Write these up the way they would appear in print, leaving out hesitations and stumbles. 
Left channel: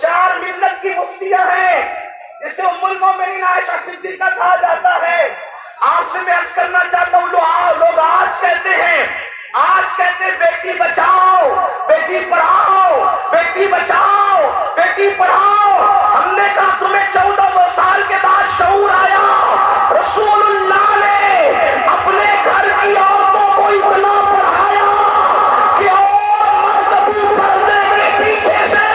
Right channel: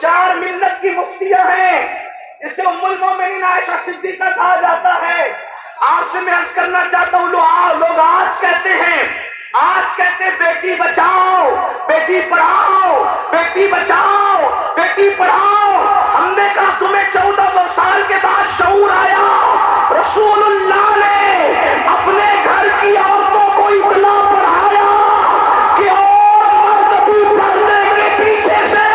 4 ملت کی مفتیاں ہیں جسے ام المومنین عائشہ صدیقہ کہا جاتا ہے. آپ سے میں عرض کرنا چاہتا ہوں لوگ آج کہتے ہیں بیٹی بچاؤ بیٹی پڑھاؤ بیٹی بچاؤ بیٹی پڑھاؤ. ہم نے کہا تمہیں 1400 سال کے بعد شعور آیا؟ رسول اللہ نے اپنے گھر کی عورتوں کو اتنا پڑھایا کہ مرد بھی پردے کے پیچھے سے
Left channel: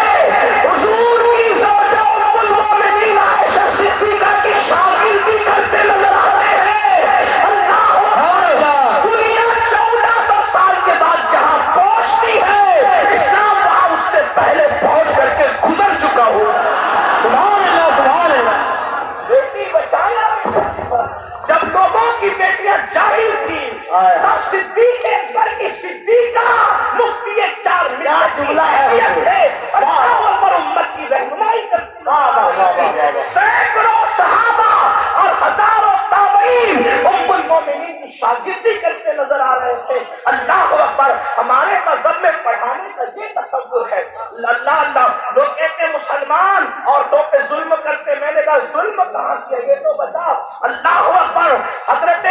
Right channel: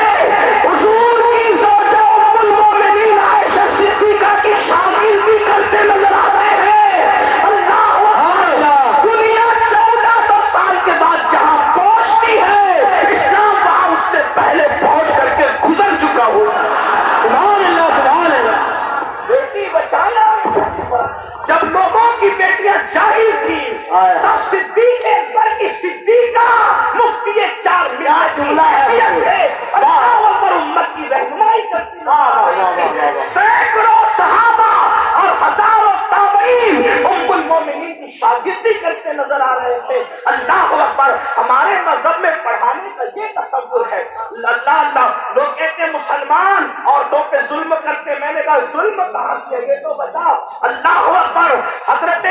حضور کی زوجہ ام المومنین عائشہ صدیقہ کی شاگردی کرتے نظر آتے ہیں. اللہ دنیا 1400 سال کے بعد جہاں پہنچتی ہے اسلام وہاں اس سے پہلے پہنچ کر کے گزر چکا ہوا. سبحان اللہ سبحان اللہ. بیٹی بچانا. جب لوگوں کی بیٹیاں جاہل تھی تب صدیق اکبر کی صدیقہ مفتی 4 ملت کی حیثیت سے اللہ پر امت کی رہنمائی کرتی. سینکڑوں صحابہ اور ہزاروں تابعین ام المومنین کی شاگردی کرتے نظر آ رہے تھے. اللہ اکبر. ہمارے مذہب میں پڑھانے کا یہ تصور ہے. اللہ لوگ کہتے ہیں مسلمان عورتوں پہ ظلم کرتے. میں نے کہا ظلم کہاں کیا یہ تو بتا. اللہ اکبر. حضرت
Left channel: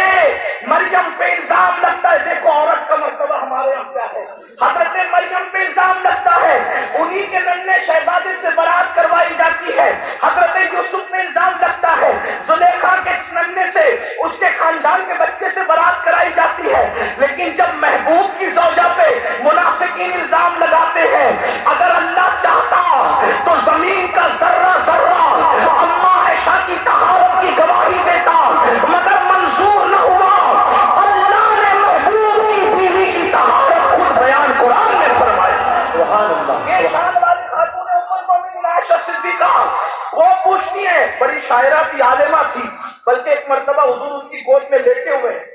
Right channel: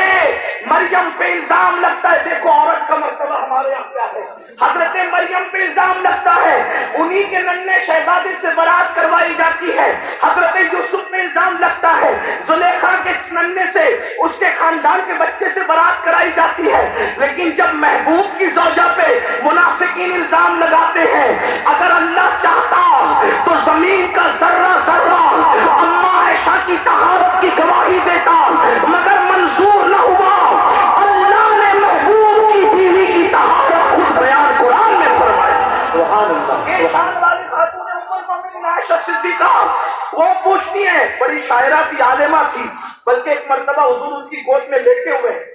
مریم پہ الزام لگتا ہے. دیکھو عورت کا مرتبہ ہمارے یہاں کیا ہے. حضرت مریم پہ الزام لگتا ہے. انہی کے ننھے شہزادے سے برات کروائی جاتی ہے. حضرت یوسف پہ الزام لگتا ہے. زلیخا کے ننھے سے اس کے خاندان کے بچے سے برات کرائی جاتی ہے. لیکن جب محبوب کی زوجہ پہ منافقین الزام لگاتے ہیں اگر اللہ چاہتا تو زمین کا ذرہ ذرہ اما عائشہ کی طہارت کی گواہی دیتا مگر منظور نہ ہوا. اللہ نے محبوب کی بیوی کی طہارت خود بیان قرآن میں فرمائی. سبحان اللہ. عائشہ صدیقہ وہ پوچھتی ہے. بڑی شاعرہ تھی عالمہ تھی. بلکہ ایک مرتبہ حضور ان کی گود میں لیٹے ہوئے ہیں.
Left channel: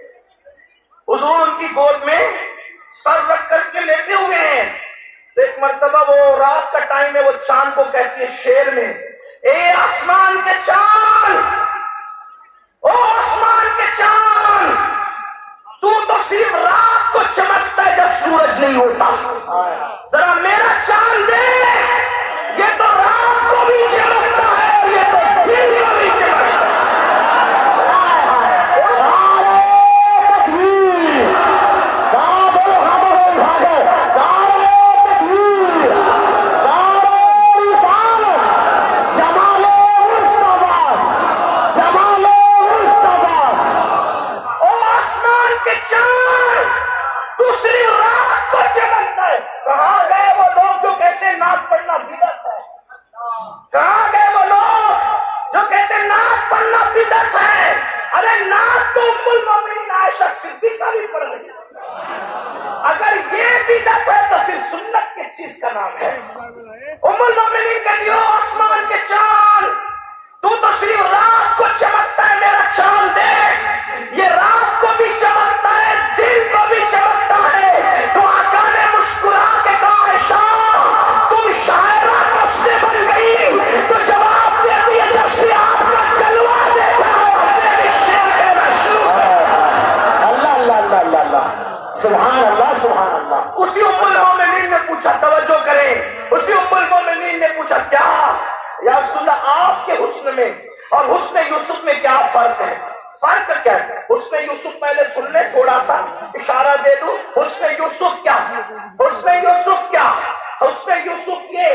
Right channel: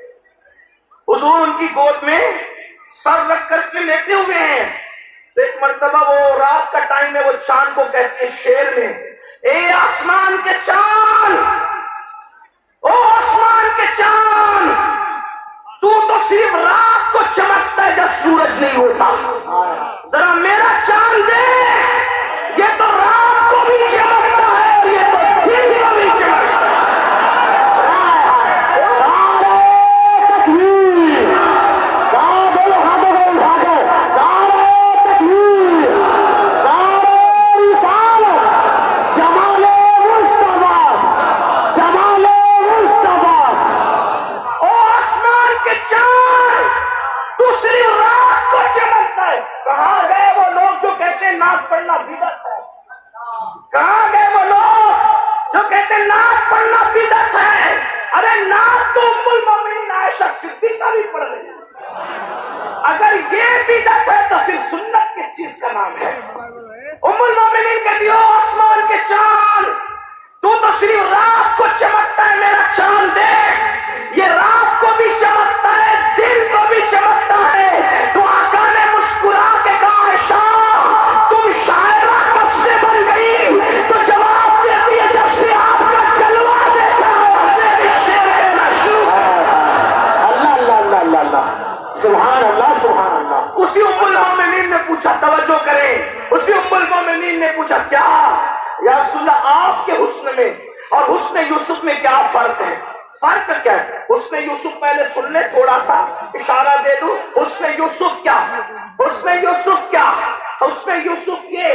حضور ان کی گود میں سر رکھ کر کے لیٹے ہوئے ہیں. ایک مرتبہ وہ رات کا ٹائم ہے. وہ چاند کو کہتی ہے شعر میں اے آسمان کے چاند او آسمان کے چاند تو صرف رات کو چمکتا ہے جب سورج نہیں ہوتا. ذرا میرا چاند دے. یہ تو رات کو بھی چمکتا ہے یہ تو دن کو بھی چمکتا ہے. ناز پڑھنا بدعت ہے. کہاں گئے وہ لوگ جو کہتے ہیں ناز پڑھنا بدعت ہے؟ ارے ناز تو ام المومنین عائشہ صدیقہ بھی پڑھ رہی ہے. اگر یہ بدعت ہے تو پھر سنت کس چیز کا نام ہے؟ ام المومنین کہتی ہو آسمان کے چاند تو صرف رات کو چمکتا ہے میرا چاند دیکھ. یہ رات کو بھی چمکتا ہے دن کو بھی چمکتا ہے. تو آقا نے مسکرا کے کہا عائشہ تم شاعرہ کب سے بن گئی؟ تو جواب دیتی ہے جب سے آپ کا جلوہ دیکھا اللہ اللہ اللہ اللہ اللہ. سبحان اللہ سبحان اللہ. اسی ام المومنین نے پوچھا توجہ کریں. اسی ام المومنین نے پوچھا کیا یا رسول اللہ آپ کے حسن میں اور حسن یوسف میں کیا فرق ہے؟ فرق کیا ہے؟ حسن یوسف پہلے سن لے تھوڑا سا اشارہ دے دوں. حسن یوسف کیا؟ حسن یوسف کیا؟ حسن یوسف یہ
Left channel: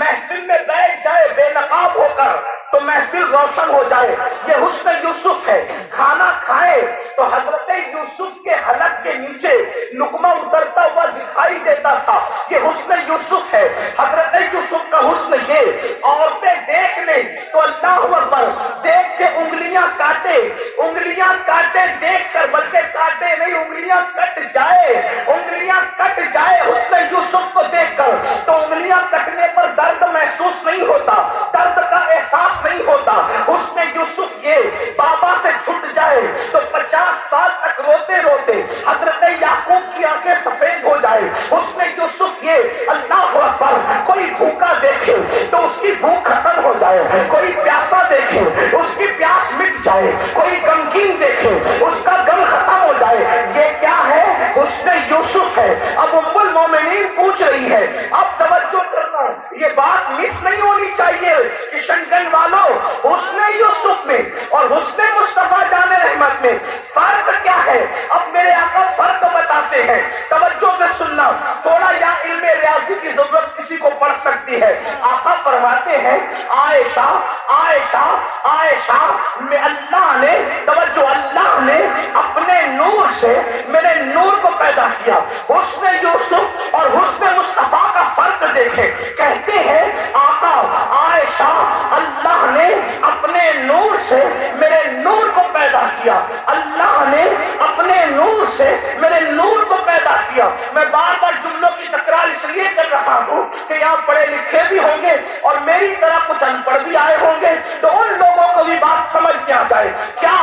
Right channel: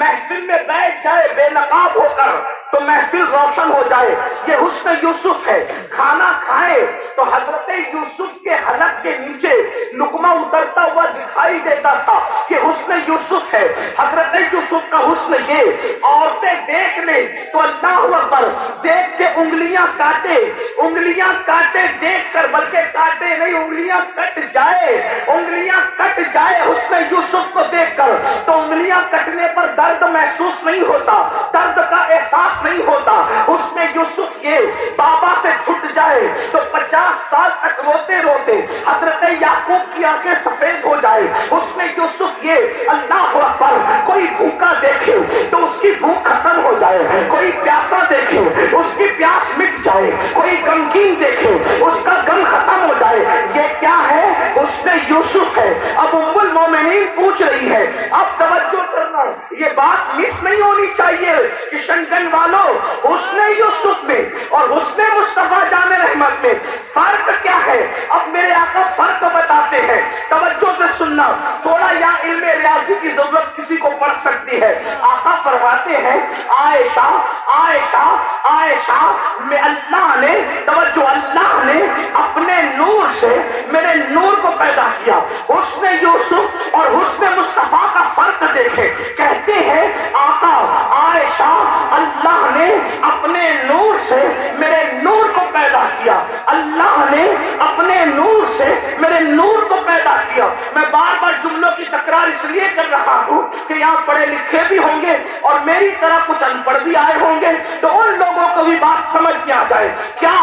محفل میں بیٹھ جائے بے نقاب ہو کر تو محفل روشن ہو جائے. یہ حسن یوسف ہے. کھانا کھائے تو حضرت یوسف کے حلق کے نیچے لقمہ اترتا ہوا دکھائی دیتا تھا. یہ حسن یوسف ہے. حضرت یوسف کا حسن یہ عورتیں دیکھ لیں تو اللہ اکبر دیکھ کے انگلیاں کاٹے دیکھ کر بلکہ کاٹے نہیں انگلیاں کٹ جائے حسن یوسف کو دیکھ کر تو انگلیاں کٹنے پر درد محسوس نہیں ہوتا. درد کا احساس نہیں ہوتا. اس میں یوسف یہ بابا سے چھٹ جائے تو 50 سال تک روتے روتے حضرت یعقوب کی آنکھیں سفید ہو جائے. اس میں یوسف یہ اللہ اکبر کوئی بھوکا دیکھے دیکھے تو اس کی بھوک ختم ہو جائے, کوئی پیاسا دیکھے اس کی پیاس مٹ جائے, کوئی غمگین دیکھے اس کا غم ختم ہو جائے. یہ کیا ہے؟ حسن یوسف ہے. اب ام المومنین پوچھ رہی ہے, اب توجہ کرنا, یہ بات مس نہیں ہونی چاہیے کشن گنج والوں. حسن یوسف میں اور حسن مصطفیٰ جان رحمت میں فرق کیا ہے؟ اب میرے آقا فرق بتاتے ہیں, توجہ سے سننا. تھوڑا یا علم ریاضی کی ضرورت کسی کو پڑ سکتی ہے. آقا فرماتے ہیں عائشہ عائشہ عائشہ میں اللہ نے, توجہ, اللہ نے اپنے نور سے میرے نور کو پیدا کیا. حسن یوسف اور حسن مصطفیٰ کا فرق دیکھیں. کہتے ہیں آقا عائشہ اللہ نے اپنے نور سے میرے نور کو پیدا کیا, اللہ نے اپنے نور سے میرے نور کو پیدا کیا. میں بار بار جملوں کی تکرار اس لیے کر رہا ہوں کہ یہاں پڑھے لکھے بھی ہوں گے اور میری طرح کچھ ان پڑھ بھی آئے ہوں گے, تو ان لوگوں کو بھی بات سمجھ میں آ جائے. کیا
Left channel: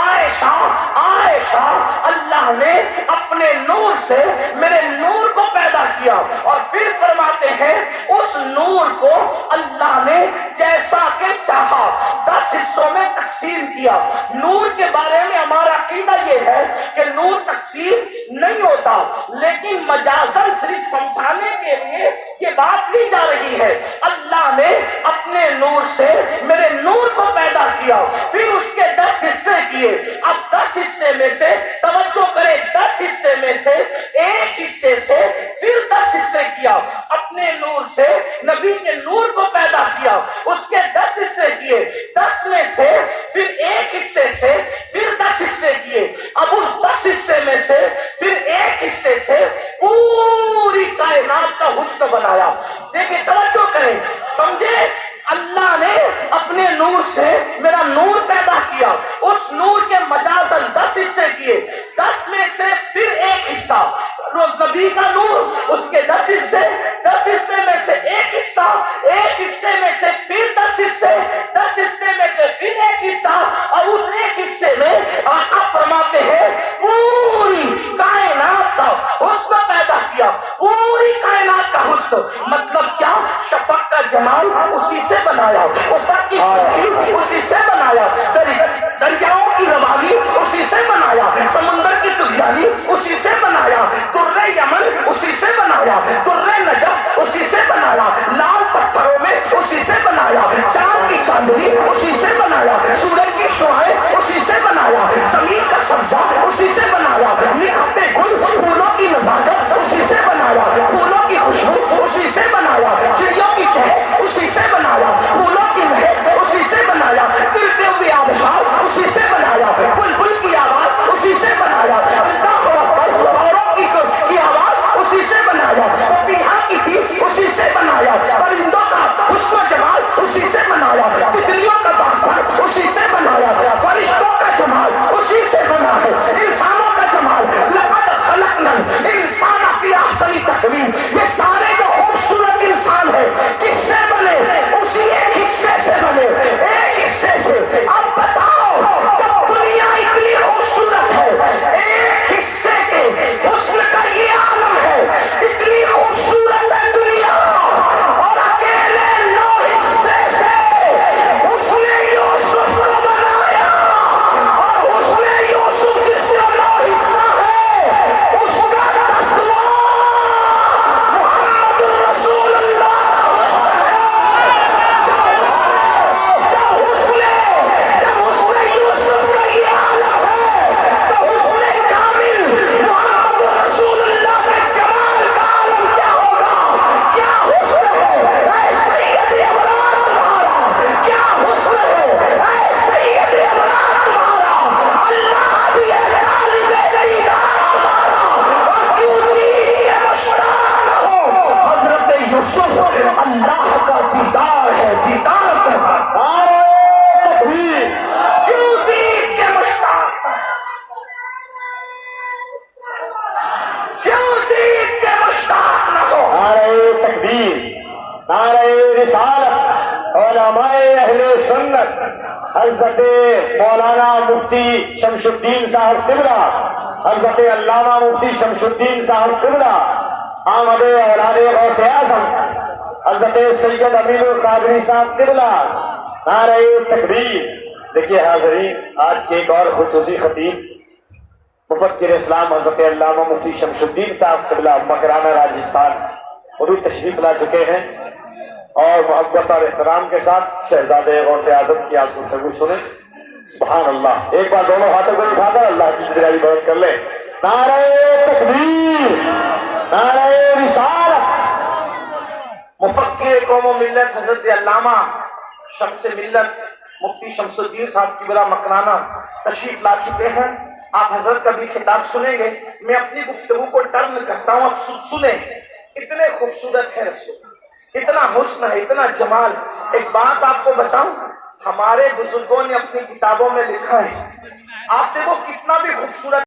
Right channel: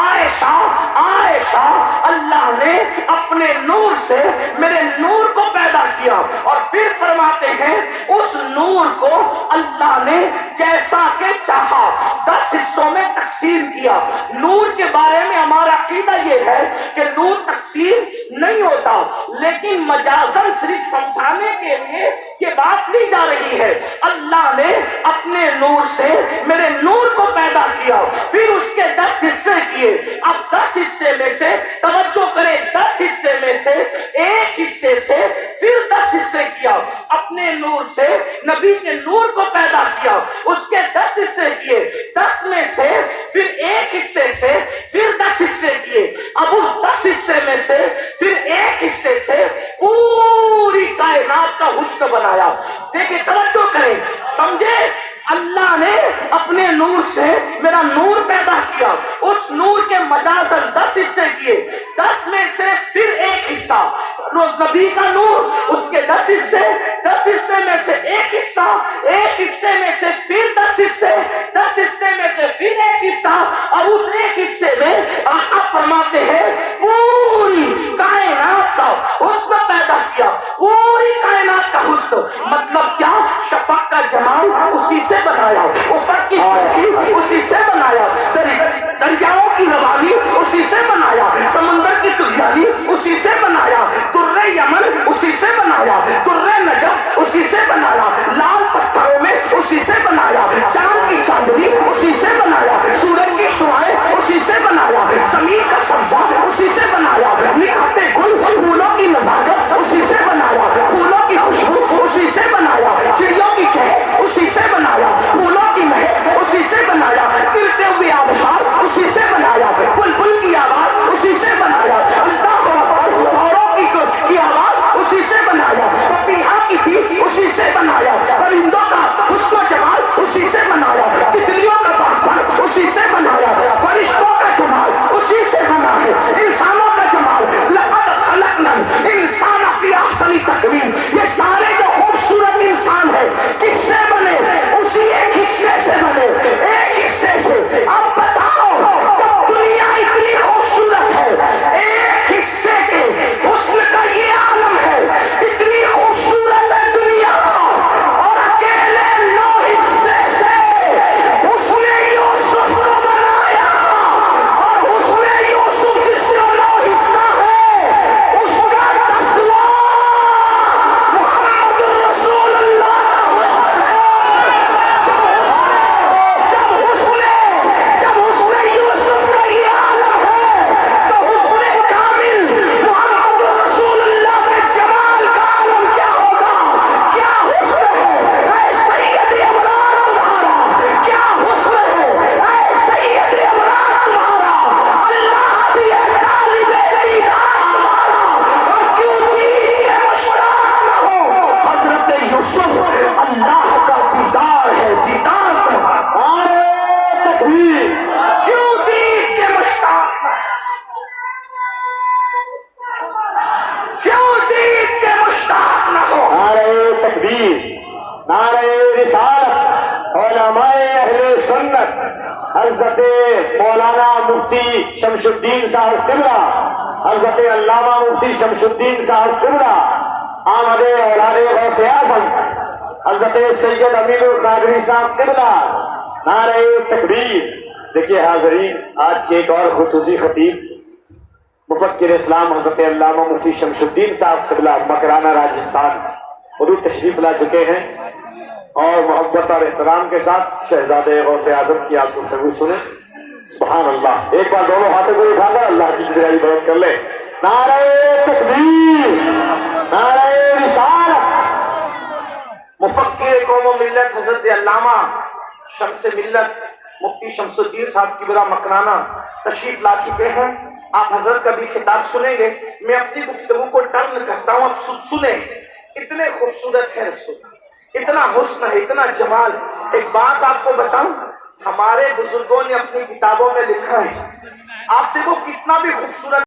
عائشہ عائشہ اللہ نے اپنے نور سے میرے نور کو پیدا کیا, اور پھر فرماتے ہیں اس نور کو اللہ نے جیسا کہ چاہا 10 حصوں میں تقسیم کیا. نور کے بارے میں ہمارا عقیدہ یہ ہے کہ نور تقسیم نہیں ہوتا, لیکن مجازن صرف سمجھانے کے لیے یہ بات لی جا رہی ہے. اللہ نے اپنے نور سے میرے نور کو پیدا کیا, پھر اس کے 10 حصے کیے. اب 10 حصے میں سے, توجہ کرے, 10 حصے میں سے ایک حصے سے پھر 10 حصے کیا. اپنے نور سے نبی کے نور کو پیدا کیا, اس کے 10 حصے کیے. 10 میں سے پھر ایک حصے سے پھر 10 حصے کیے. اب اس 10 حصے میں سے پھر ایک حصے سے پوری کائنات کا حسن بنایا. دیکھیں, توجہ کریں, سمجھے, اللہ نے اپنے نور سے میرا نور پیدا کیا, اس نور کے مجازن 10 حصے کیے. 10 میں سے پھر ایک حصہ نبی کا نور, اس کے 10 حصے, 10 حصے میں سے ایک حصہ, ایک حصے میں سے پھر 10 حصے, 10 حصے میں سے پھر ایک حصہ, اور اس ایک حصے میں آقا فرماتے ہیں پوری کائنات کا حسن پیدا کیا. پوری کائنات کا حسن مطلب کیا؟ شفق کا جمال اسی سے بنایا, افق کی سرخی اسی سے بنایا, دریاؤں کی روانی اسی سے بنایا, سمندر کی تلیاری اسی سے بنایا, درے یمن اسی سے بنایا, درے نجف اسی سے بنایا, لال پتھروں میں اسی سے بنایا, چاند کی چاندنی اسی سے بنایا, سورج کی شعائیں اسی سے بنایا, زمین کا سبزہ اسی سے بنایا, نکھرتے گل پھولوں کی نزاکت اسی سے بنایا, پھولوں کی خوشبو اسی سے بنایا, چڑیوں کی چہک اسی سے بنایا, پھولوں کی مہک اسی سے بنایا, ترتے ہوئے آبشار اسی سے بنایا, بلبل کی آواز اسی سے بنایا, اللہ اکبر, اوروں کی آواز اسی سے بنایا, پپیہا کی بھی اسی سے بنایا, پرندوں کا حسن و جمال اسی سے بنایا, تتلیوں کا باغ اسی سے بنایا, فرشتوں کا جمال اسی سے بنا ہے, انسانوں کا جمال لقد خلقنا الانسان فی احسن تقویم. یہ سارے جو خوبصورت انسان ہے کس سے بنے؟ اسی ایک حصے سے بنے, ایک حصے سے. اب بتاؤ, جب دنیا اتنی خوبصورت ہے, ایک حصے کے حسن کا یہ عالم ہے, اتنی خوبصورت ہے دنیا, اور اکیلے 9 حصے سے حسن یوسف کو بنایا, اور حسن یوسف جس میں 9 حصہ ہے اس کا 10واں محمد رسول اللہ. جب حسن یوسف کا یہ عالم ہے تو حسن کامل محمد رسول اللہ کے جمال کا عالم کیا ہوگا؟ کیا حسن ہے اے سید عمران تمہارا, کیا حسن ہے اے سید عمران تمہارا, اللہ بھی ہے طالب دیدار اور کیوں دین کے مشتاق نہ ہو. حضرت یوسف اللہ کا دیدار ہے, دیدار تمہارا تکبیر, کیوں دین کے مشتاق نہ ہو, کیوں دین کے مشتاق نہ ہو. نعرہ تکبیر, نعرہ رسالت, علماء اہل سنت حضرت مولانا مفتی شمس الدین صاحب قبلہ, حضرت علامہ مفتی شمس الدین صاحب قبلہ, آمد اولاد غوث اعظم حضرت سید امین القادری صاحب قبلہ، نعرہ تکبیر۔ دیکھیے حاضرین، آج کے ایک اور خصوصی خطیب مفکر اسلام حضرت علامہ مفتی شمس الدین صاحب قبلہ مکرانہ راجستھان حضور تشریف لا چکے ہیں، اور محبت اور احترام کے ساتھ شہزادے غوث اعظم کی آپ گفتگو سنیں۔ سبحان اللہ، ایک بار دونوں ہاتھوں کو اٹھا کر اللہ کی گرائی بہت کر لیں۔ نعرہ تکبیر، نعرہ رسالت۔ مفکر قوم و ملت حضرت علامہ شمس ملت مفتی شمس الدین صاحب کی بلا مکرانہ تشریف لا چکے ہیں۔ آپ حضرت کا بھی خطاب سنیں گے۔ میں اپنی گفتگو کو ٹرن کرتا ہوں، آپ سنیں۔ اتنے خوبصورت ہے رسول، اتنا حسن ہے، اتنا جمال۔ ایک بات آپ کو بتاؤں، ہمارے بزرگوں نے اپنی کتابوں میں لکھا ہے، آپ دیکھو کتنا بھی خوبصورت